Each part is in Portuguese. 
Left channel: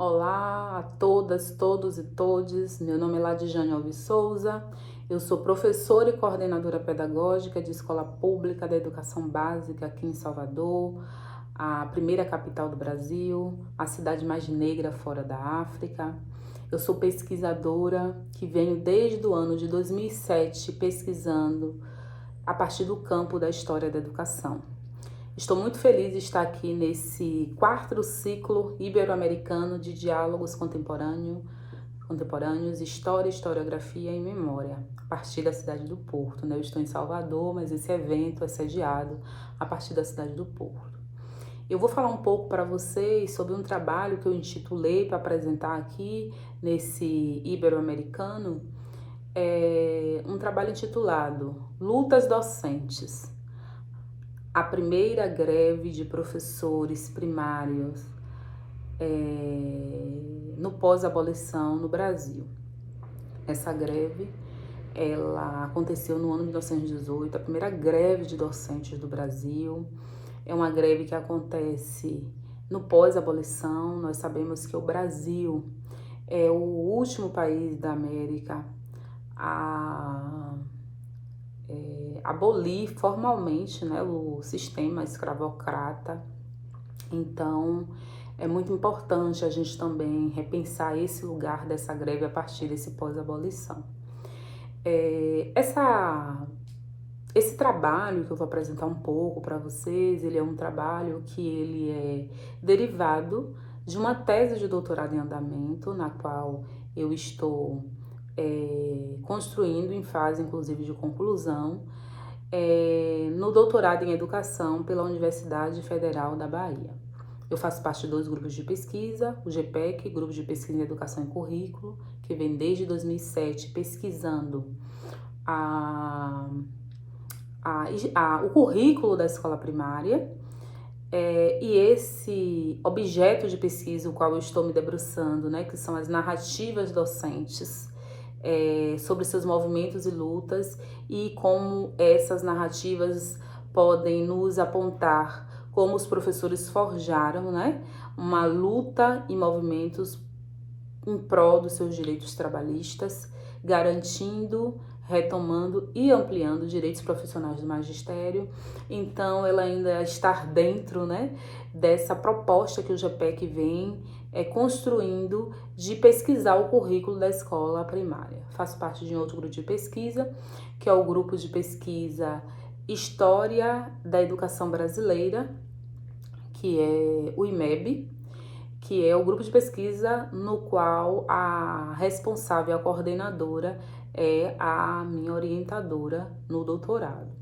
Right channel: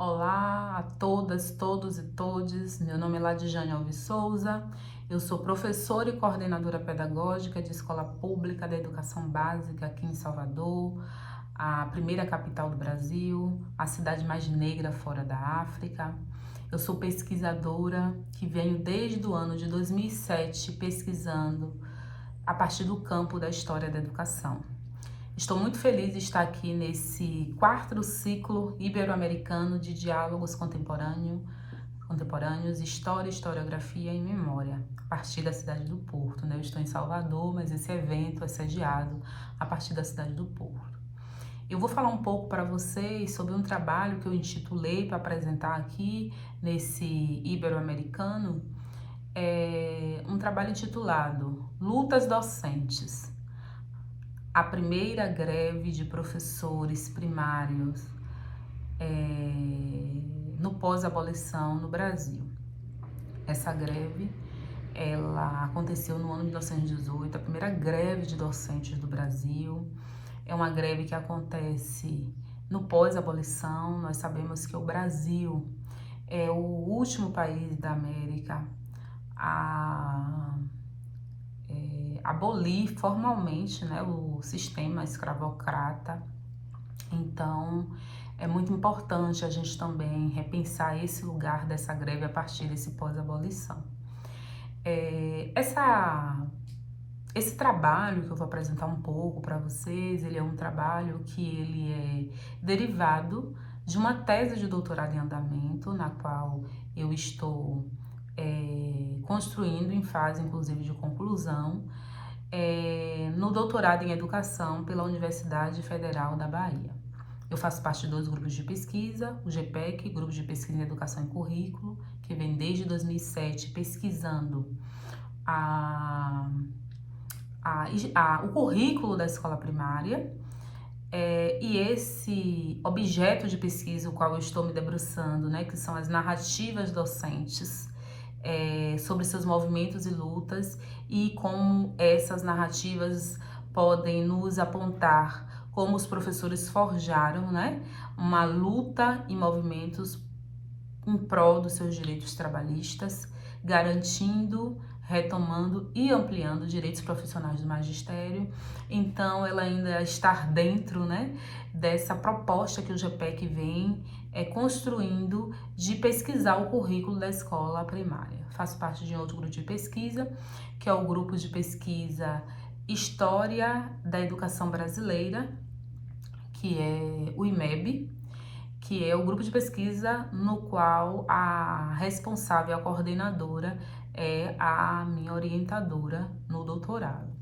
Olá a todas, todos e todes. Meu nome é Ladijane Alves Souza. Eu sou professora e coordenadora pedagógica de escola pública da educação básica aqui em Salvador, a primeira capital do Brasil, a cidade mais negra fora da África. Eu sou pesquisadora que venho desde o ano de 2007 pesquisando a partir do campo da história da educação. Estou muito feliz de estar aqui nesse quarto ciclo ibero-americano de diálogos contemporâneos, história, historiografia e memória, a partir da cidade do Porto. Eu estou em Salvador, mas esse evento é sediado a partir da cidade do Porto. Eu vou falar um pouco para vocês sobre um trabalho que eu intitulei para apresentar aqui nesse ibero-americano, um trabalho intitulado Lutas Docentes, a primeira greve de professores primários no pós-abolição no Brasil. Essa greve, ela aconteceu no ano de 1918, a primeira greve de docentes do Brasil. É uma greve que acontece no pós-abolição. Nós sabemos que o Brasil é o último país da América a abolir formalmente, né, o sistema escravocrata. Então, é muito importante a gente também repensar esse lugar dessa greve a partir desse pós-abolição. Esse trabalho que eu vou apresentar um pouco para vocês, ele é um trabalho que ele é derivado de uma tese de doutorado em andamento, na qual eu estou construindo em fase, inclusive, de conclusão, no doutorado em educação pela Universidade Federal da Bahia. Eu faço parte de 2 grupos de pesquisa, o GPEC, Grupo de Pesquisa em Educação e Currículo, que vem desde 2007 pesquisando o currículo da escola primária, e esse objeto de pesquisa, o qual eu estou me debruçando, né, que são as narrativas docentes, sobre seus movimentos e lutas e como essas narrativas podem nos apontar como os professores forjaram, né, uma luta e movimentos em prol dos seus direitos trabalhistas, garantindo, retomando e ampliando direitos profissionais do magistério. Então, ela ainda está dentro, né, dessa proposta que o GPEC vem construindo de pesquisar o currículo da escola primária. Faço parte de um outro grupo de pesquisa, que é o grupo de pesquisa História da Educação Brasileira, que é o IMEB, que é o grupo de pesquisa no qual a responsável, a coordenadora, é a minha orientadora no doutorado.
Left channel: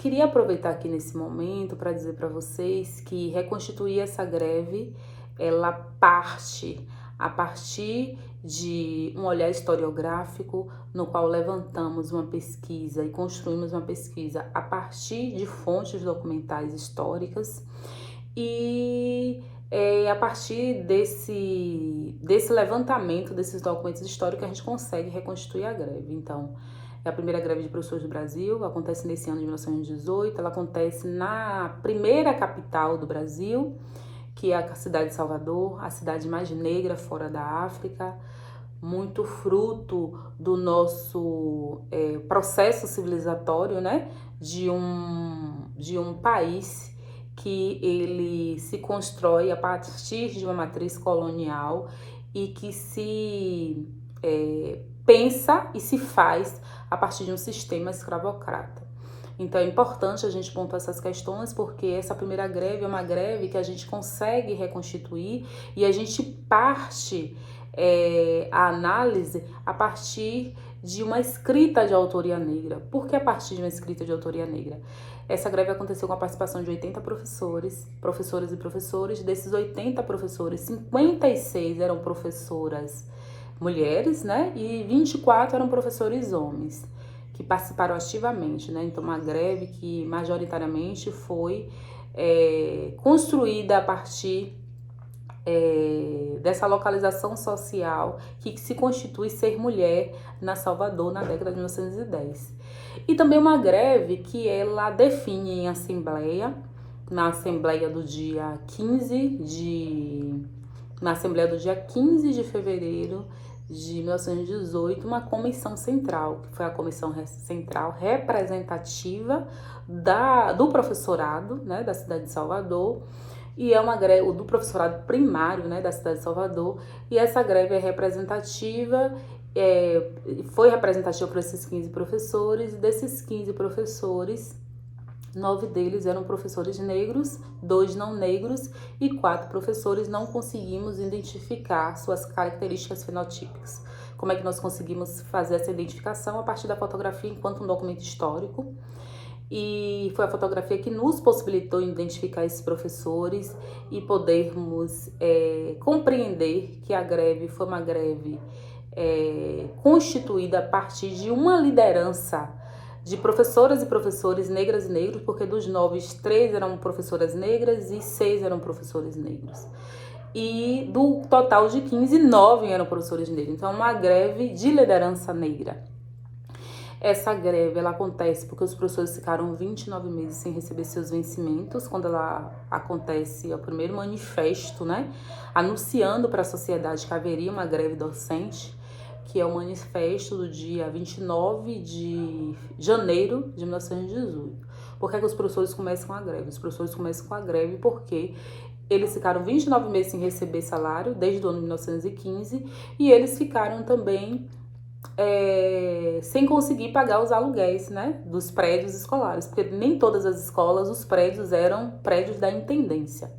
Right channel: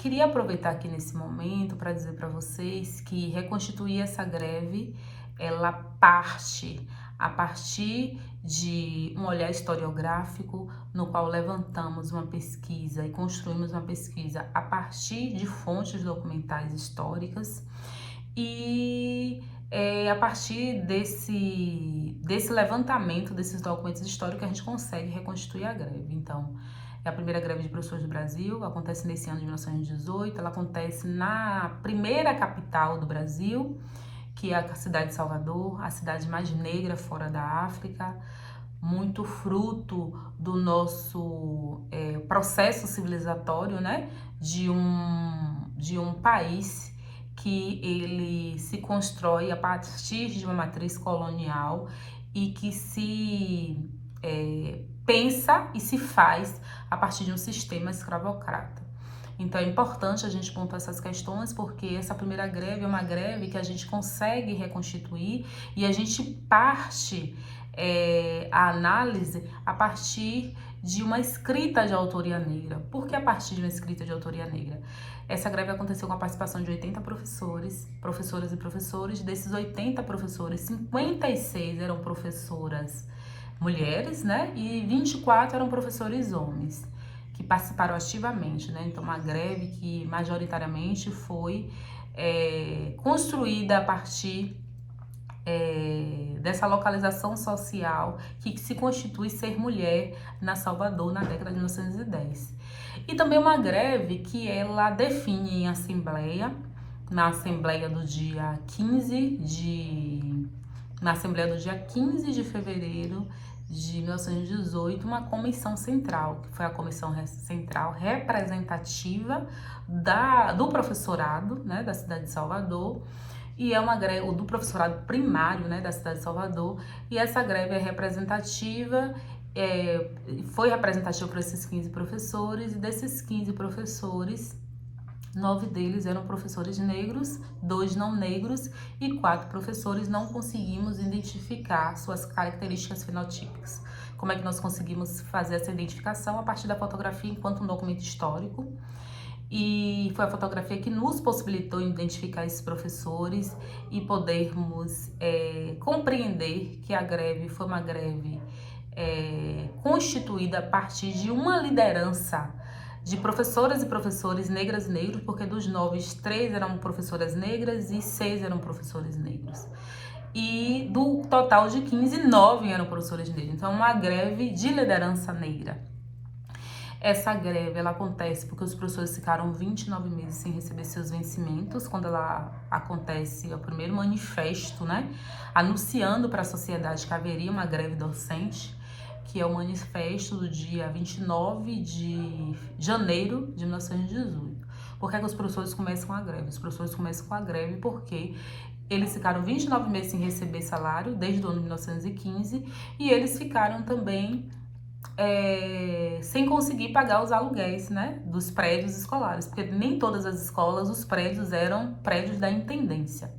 Queria aproveitar aqui nesse momento para dizer para vocês que reconstituir essa greve, ela parte a partir de um olhar historiográfico, no qual levantamos uma pesquisa e construímos uma pesquisa a partir de fontes documentais históricas e a partir desse levantamento desses documentos históricos a gente consegue reconstituir a greve. Então, é a primeira greve de professores do Brasil, acontece nesse ano de 1918, ela acontece na primeira capital do Brasil, que é a cidade de Salvador, a cidade mais negra fora da África, muito fruto do nosso processo civilizatório, né, de um país que ele se constrói a partir de uma matriz colonial e que se pensa e se faz a partir de um sistema escravocrata. Então é importante a gente pontuar essas questões, porque essa primeira greve é uma greve que a gente consegue reconstituir e a gente parte a análise a partir de uma escrita de autoria negra. Por que a partir de uma escrita de autoria negra? Essa greve aconteceu com a participação de 80 professoras e professores. Desses 80 professores, 56 eram professoras mulheres, né? E 24 eram professores homens, que participaram ativamente, né? Então, uma greve que majoritariamente foi construída a partir dessa localização social que se constitui ser mulher na Salvador na década de 1910. E também uma greve que ela define em assembleia, na assembleia do dia 15 de na Assembleia do dia 15 de fevereiro de 1918, uma comissão central, que foi a comissão central representativa do professorado, né, da cidade de Salvador, e é uma greve do professorado primário, né, da cidade de Salvador, e essa greve é representativa, foi representativa para esses 15 professores, e desses 15 professores, 9 deles eram professores negros, 2 não negros e 4 professores não conseguimos identificar suas características fenotípicas. Como é que nós conseguimos fazer essa identificação? A partir da fotografia enquanto um documento histórico. E foi a fotografia que nos possibilitou identificar esses professores e podermos compreender que a greve foi uma greve constituída a partir de uma liderança de professoras e professores negras e negros, porque dos 9, 3 eram professoras negras e 6 eram professores negros. E do total de 15, 9 eram professores negros. Então, uma greve de liderança negra. Essa greve, ela acontece porque os professores ficaram 29 meses sem receber seus vencimentos. Quando ela acontece, é o primeiro manifesto, né, anunciando para a sociedade que haveria uma greve docente, que é o manifesto do dia 29 de janeiro de 1918. Por que é que os professores começam a greve? Os professores começam com a greve porque eles ficaram 29 meses sem receber salário, desde o ano de 1915, e eles ficaram também sem conseguir pagar os aluguéis, né, dos prédios escolares, porque nem todas as escolas, os prédios eram prédios da intendência.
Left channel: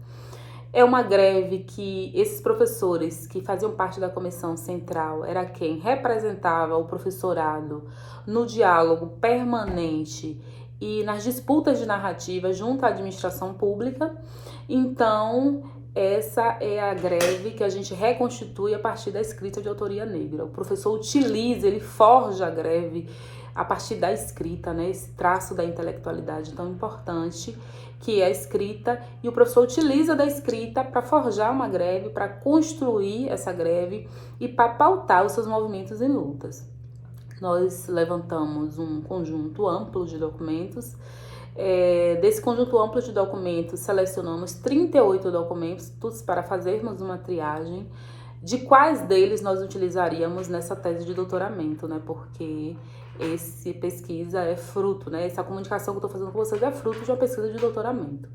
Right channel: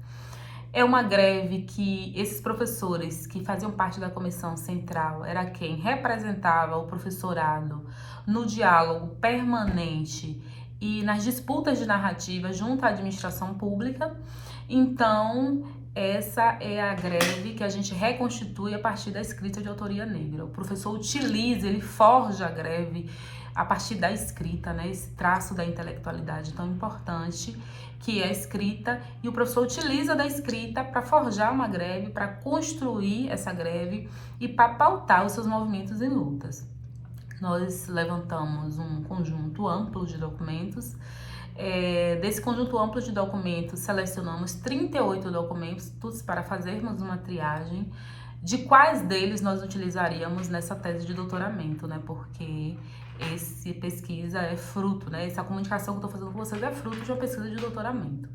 É uma greve que esses professores que faziam parte da comissão central era quem representava o professorado no diálogo permanente e nas disputas de narrativa junto à administração pública. Então, essa é a greve que a gente reconstitui a partir da escrita de autoria negra. O professor utiliza, ele forja a greve a partir da escrita, né? Esse traço da intelectualidade tão importante que é a escrita, e o professor utiliza da escrita para forjar uma greve, para construir essa greve e para pautar os seus movimentos e lutas. Nós levantamos um conjunto amplo de documentos. Desse conjunto amplo de documentos, selecionamos 38 documentos para fazermos uma triagem de quais deles nós utilizaríamos nessa tese de doutoramento, né? Porque essa pesquisa é fruto, né? Essa comunicação que eu estou fazendo com vocês é fruto de uma pesquisa de doutoramento.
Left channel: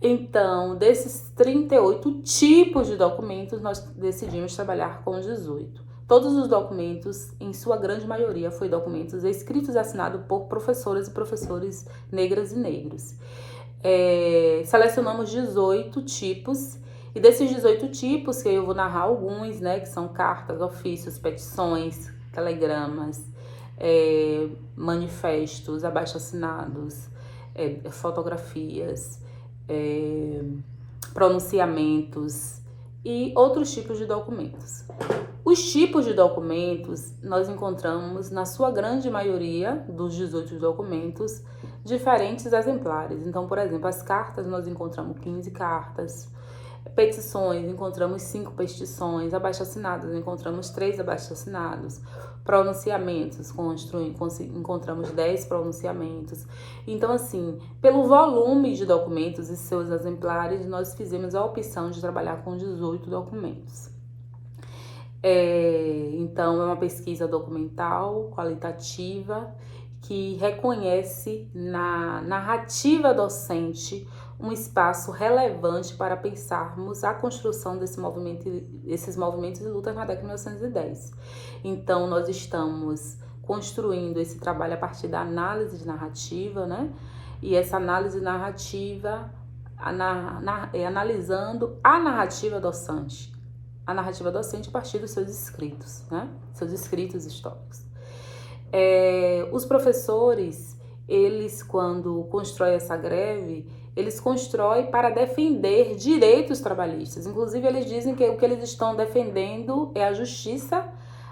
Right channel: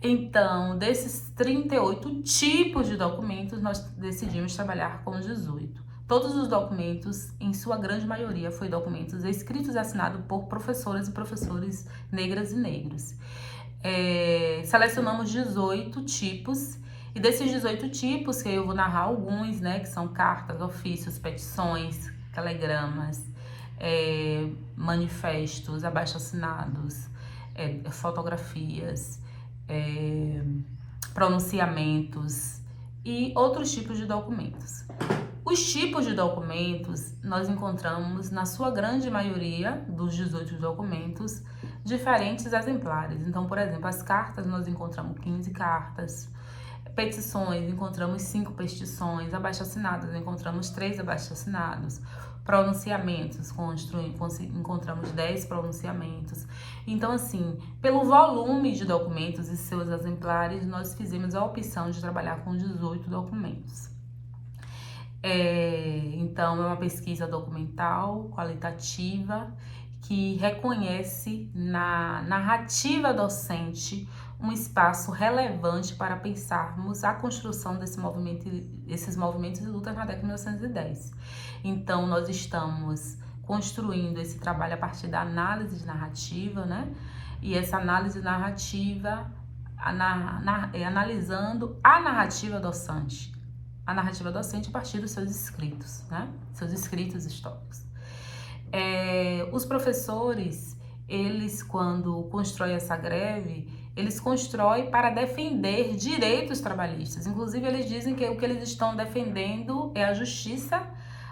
Então, desses 38 tipos de documentos, nós decidimos trabalhar com 18. Todos os documentos, em sua grande maioria, foram documentos escritos e assinados por professoras e professores negras e negros. Selecionamos 18 tipos, e desses 18 tipos, que eu vou narrar alguns, né, que são cartas, ofícios, petições, telegramas, manifestos, abaixo-assinados, fotografias, pronunciamentos e outros tipos de documentos. Os tipos de documentos nós encontramos, na sua grande maioria dos 18 documentos, diferentes exemplares. Então, por exemplo, as cartas nós encontramos 15 cartas, petições encontramos 5 petições, abaixo-assinados encontramos 3 abaixo-assinados, pronunciamentos encontramos 10 pronunciamentos. Então, assim, pelo volume de documentos e seus exemplares, nós fizemos a opção de trabalhar com 18 documentos. Então, é uma pesquisa documental, qualitativa, que reconhece na narrativa docente um espaço relevante para pensarmos a construção desses movimentos de luta na década de 1910. Então, nós estamos construindo esse trabalho a partir da análise de narrativa, né? E essa análise narrativa, analisando a narrativa docente. A narrativa docente a partir dos seus escritos, né? Seus escritos históricos. Os professores, eles, quando constroem essa greve, eles constroem para defender direitos trabalhistas. Inclusive, eles dizem que o que eles estão defendendo é a justiça,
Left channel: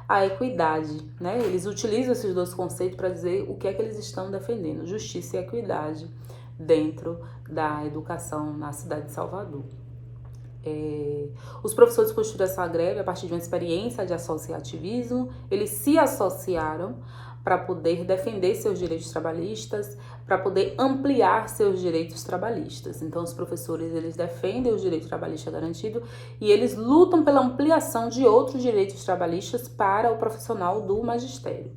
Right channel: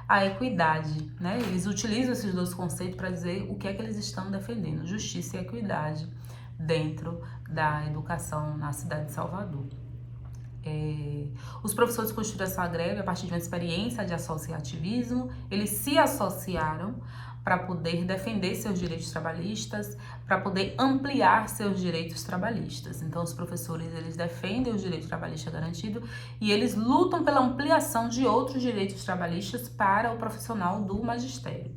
a equidade, né? Eles utilizam esses dois conceitos para dizer o que é que eles estão defendendo, justiça e equidade dentro da educação na cidade de Salvador. Os professores construíram essa greve a partir de uma experiência de associativismo. Eles se associaram para poder defender seus direitos trabalhistas, para poder ampliar seus direitos trabalhistas. Então, os professores, eles defendem o direito trabalhista garantido e eles lutam pela ampliação de outros direitos trabalhistas para o profissional do magistério.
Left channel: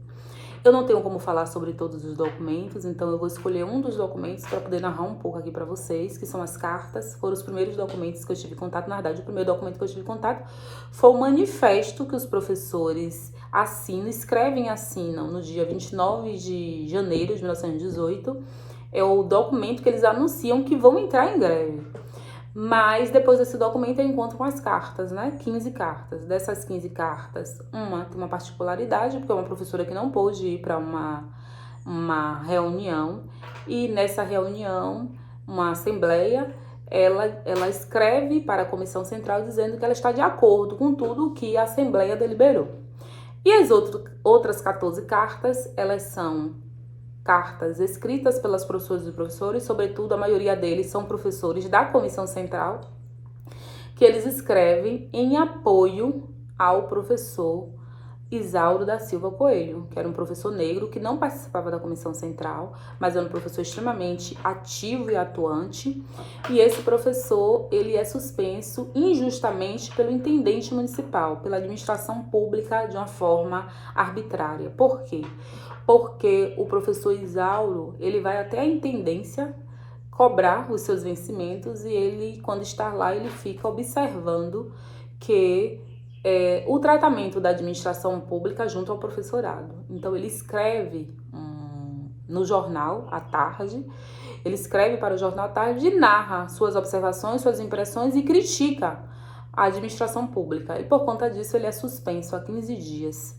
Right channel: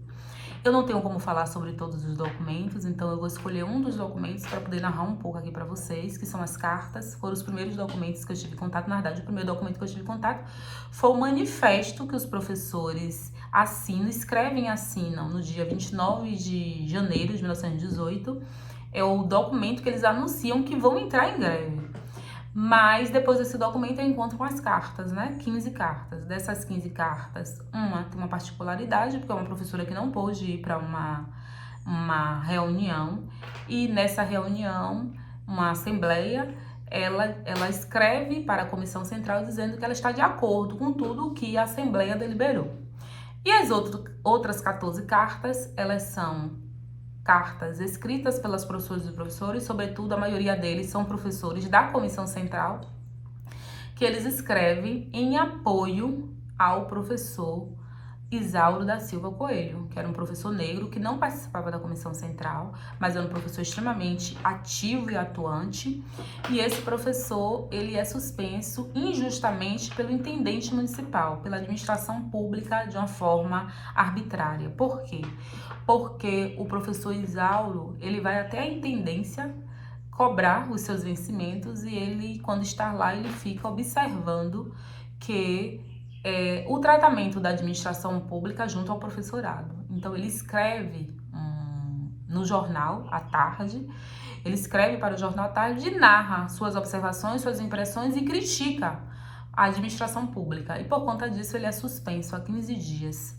Eu não tenho como falar sobre todos os documentos, então eu vou escolher um dos documentos para poder narrar um pouco aqui para vocês, que são as cartas. Foram os primeiros documentos que eu tive contato. Na verdade, o primeiro documento que eu tive contato foi o manifesto que os professores escrevem e assinam no dia 29 de janeiro de 1918. É o documento que eles anunciam que vão entrar em greve. Mas depois desse documento eu encontro com as cartas, né? 15 cartas. Dessas 15 cartas, uma tem uma particularidade, porque é uma professora que não pôde ir para uma reunião. E nessa reunião, uma assembleia, ela escreve para a Comissão Central dizendo que ela está de acordo com tudo o que a Assembleia deliberou. E as outras 14 cartas, elas são cartas escritas pelas professoras e professores, sobretudo a maioria deles são professores da Comissão Central, que eles escrevem em apoio ao professor Isauro da Silva Coelho, que era um professor negro que não participava da Comissão Central, mas era um professor extremamente ativo e atuante. E esse professor, ele é suspenso injustamente pelo intendente municipal, pela administração pública de uma forma arbitrária. Por quê? Porque o professor Isauro, ele vai até a intendência cobrar os seus vencimentos e ele, quando está lá, ele fica observando que o tratamento da administração pública junto ao professorado. Então, ele escreve no jornal à tarde, ele escreve para o jornal à tarde e narra suas observações, suas impressões e critica a administração pública. E por conta disso, ele é suspenso há 15 dias.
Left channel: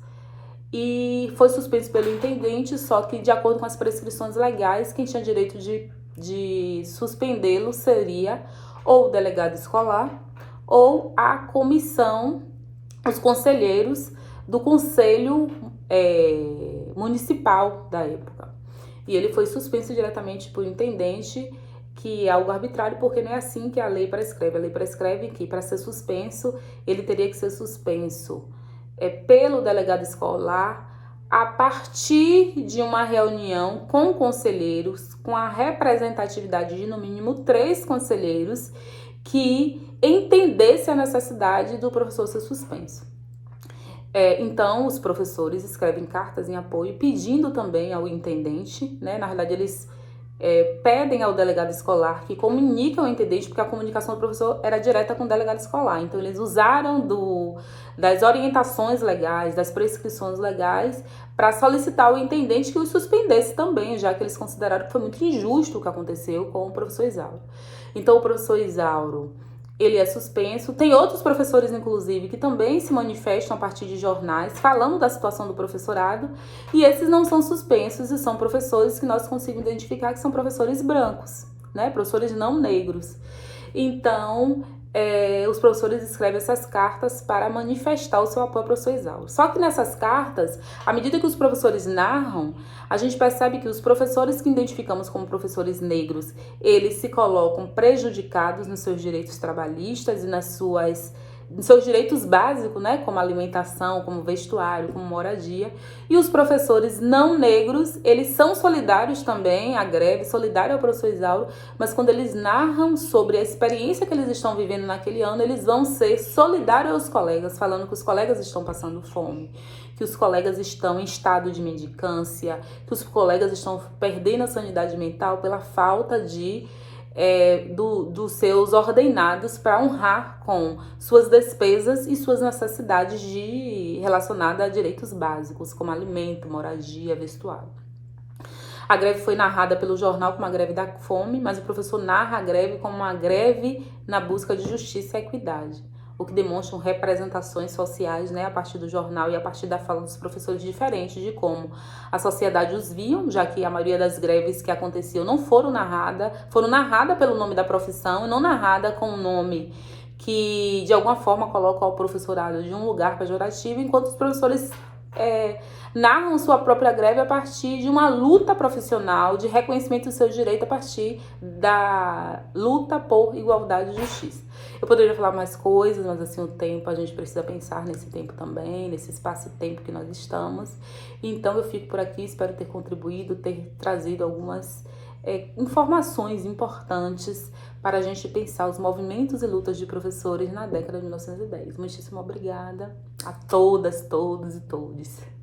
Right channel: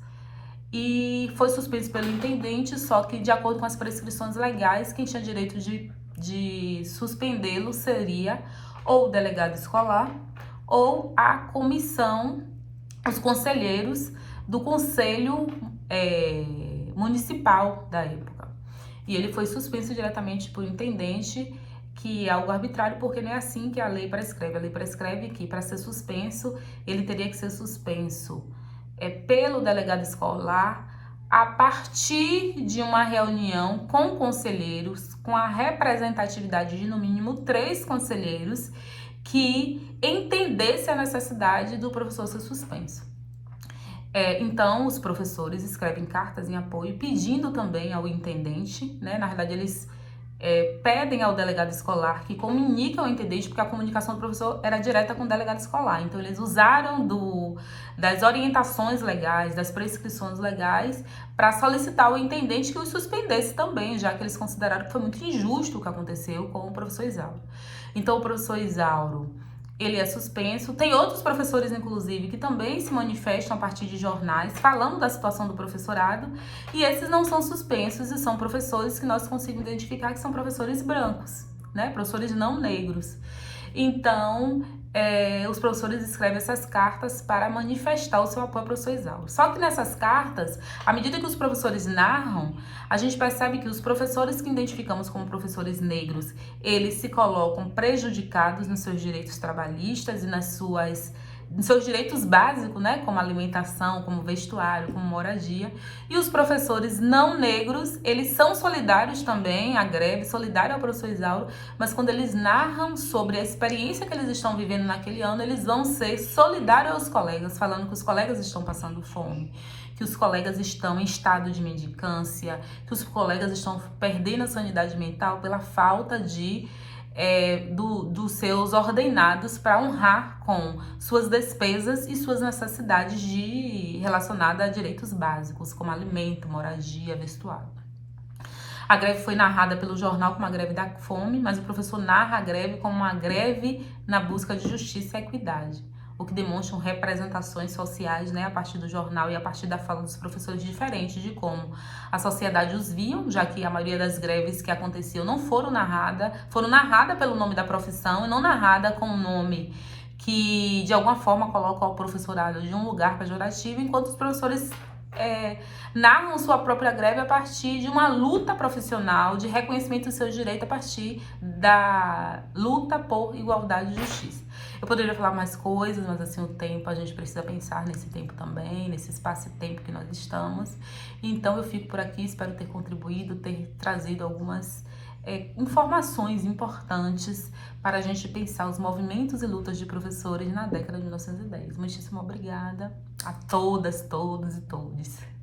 E foi suspenso pelo intendente, só que de acordo com as prescrições legais, quem tinha direito de suspendê-lo seria ou o delegado escolar ou a comissão, os conselheiros do conselho municipal da época. E ele foi suspenso diretamente por intendente, que é algo arbitrário, porque não é assim que a lei prescreve. A lei prescreve que para ser suspenso, ele teria que ser suspenso pelo delegado escolar a partir de uma reunião com conselheiros, com a representatividade de no mínimo 3 conselheiros que entendesse a necessidade do professor ser suspenso. Então, os professores escrevem cartas em apoio, pedindo também ao intendente, né? Na verdade, eles pedem ao delegado escolar que comunique ao intendente, porque a comunicação do professor era direta com o delegado escolar. Então, eles usaram das orientações legais, das prescrições legais, para solicitar ao intendente que os suspendesse também, já que eles consideraram que foi muito injusto o que aconteceu com o professor Isauro. Então, o professor Isauro, ele é suspenso. Tem outros professores, inclusive, que também se manifestam a partir de jornais, falando da situação do professorado, e esses não são suspensos e são professores que nós conseguimos identificar que são professores brancos, né? Professores não negros. Então, os professores escrevem essas cartas para manifestar o seu apoio ao professor Isauro. Só que nessas cartas, à medida que os professores narram, a gente percebe que os professores que identificamos como professores negros, eles se colocam prejudicados nos seus direitos trabalhistas e nos seus direitos básicos, né, como alimentação, como vestuário, como moradia. E os professores não negros, eles são solidários também à greve, solidários ao professor Isauro, mas quando eles narram sobre a experiência que eles estão vivendo naquele ano, eles vão ser solidários aos colegas, falando que os colegas estão passando fome, que os colegas estão em estado de mendicância, que os colegas estão perdendo a sanidade mental pela falta dos seus ordenados para honrar com suas despesas e suas necessidades relacionadas a direitos básicos, como alimento, moradia, vestuário. A greve foi narrada pelo jornal como uma greve da fome, mas o professor narra a greve como uma greve na busca de justiça e equidade, o que demonstram representações sociais, né, a partir do jornal e a partir da fala dos professores diferentes de como a sociedade os viam, já que a maioria das greves que aconteciam não foram narradas pelo nome da profissão e não narradas com o nome que de alguma forma coloca o professorado de um lugar pejorativo, enquanto os professores narram sua própria greve a partir de uma luta profissional, de reconhecimento do seu direito a partir da luta por igualdade e justiça. Eu Eu poderia falar mais coisas, mas assim, o tempo, a gente precisa pensar nesse tempo também, nesse espaço e tempo que nós estamos. Então eu fico por aqui, espero ter contribuído, ter trazido algumas informações importantes para a gente pensar os movimentos e lutas de professores na década de 1910. Muitíssimo obrigada a todas, todos e todes.